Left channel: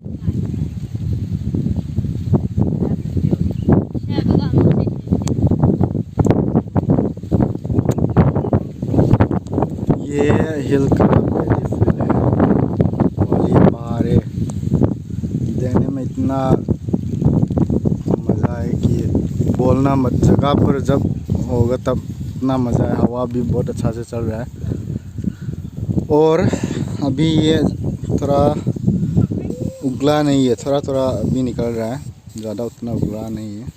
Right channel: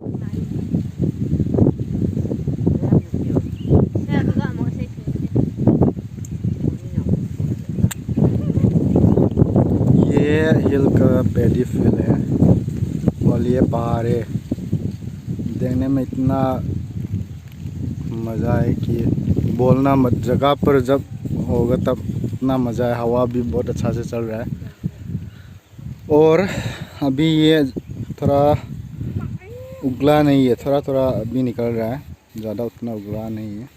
ये हिल का पैडीफिल है और ये पहाड़ है। देखने में इतना मज़ा है कि बोलना मत। जगह पर जब होगा तब इतना मज़ा है। हवा भी बहुत अच्छा से चल रहा है और अभी ये थोड़ा उगला नहीं है, थोड़ा थोड़ा अभी निकल रहा है, ज़्यादा उतना उगला नहीं है।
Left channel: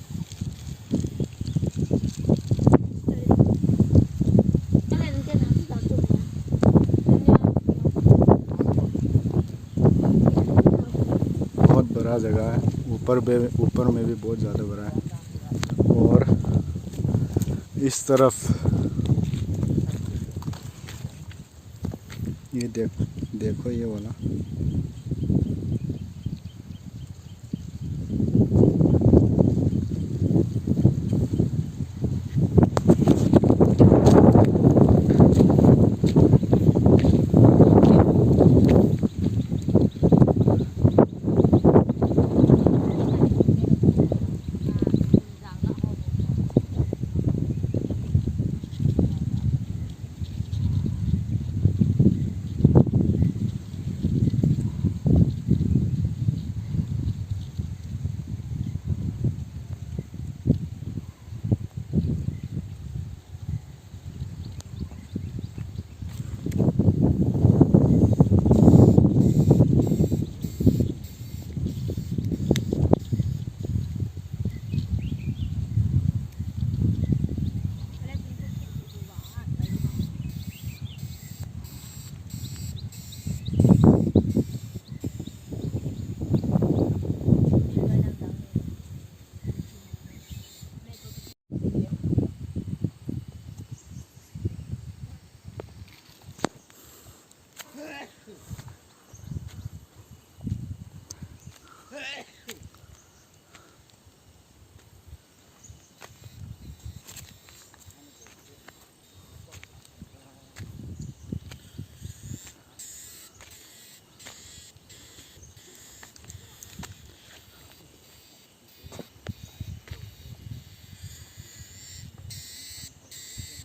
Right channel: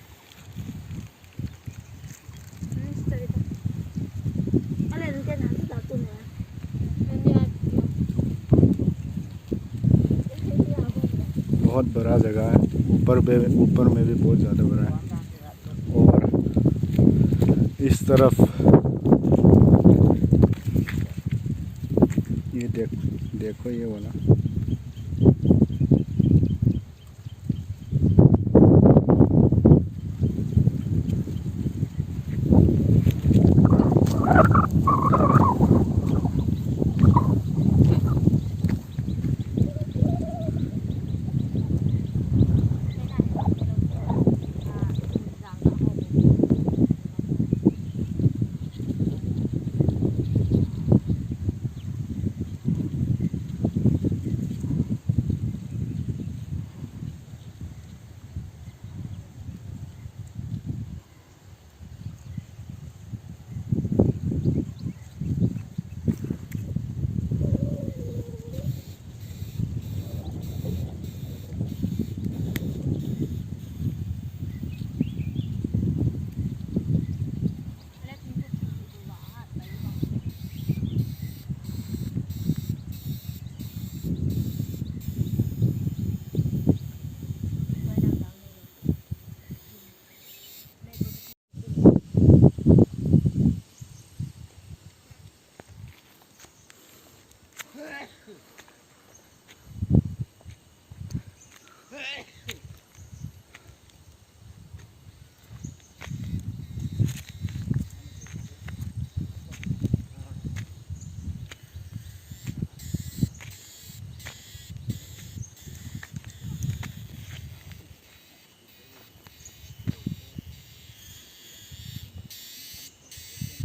बहुत बड़ा जगह है, ऊपर में भी बहुत ज़्यादा बड़ा है। और इस तरफ ये देखो ये वाला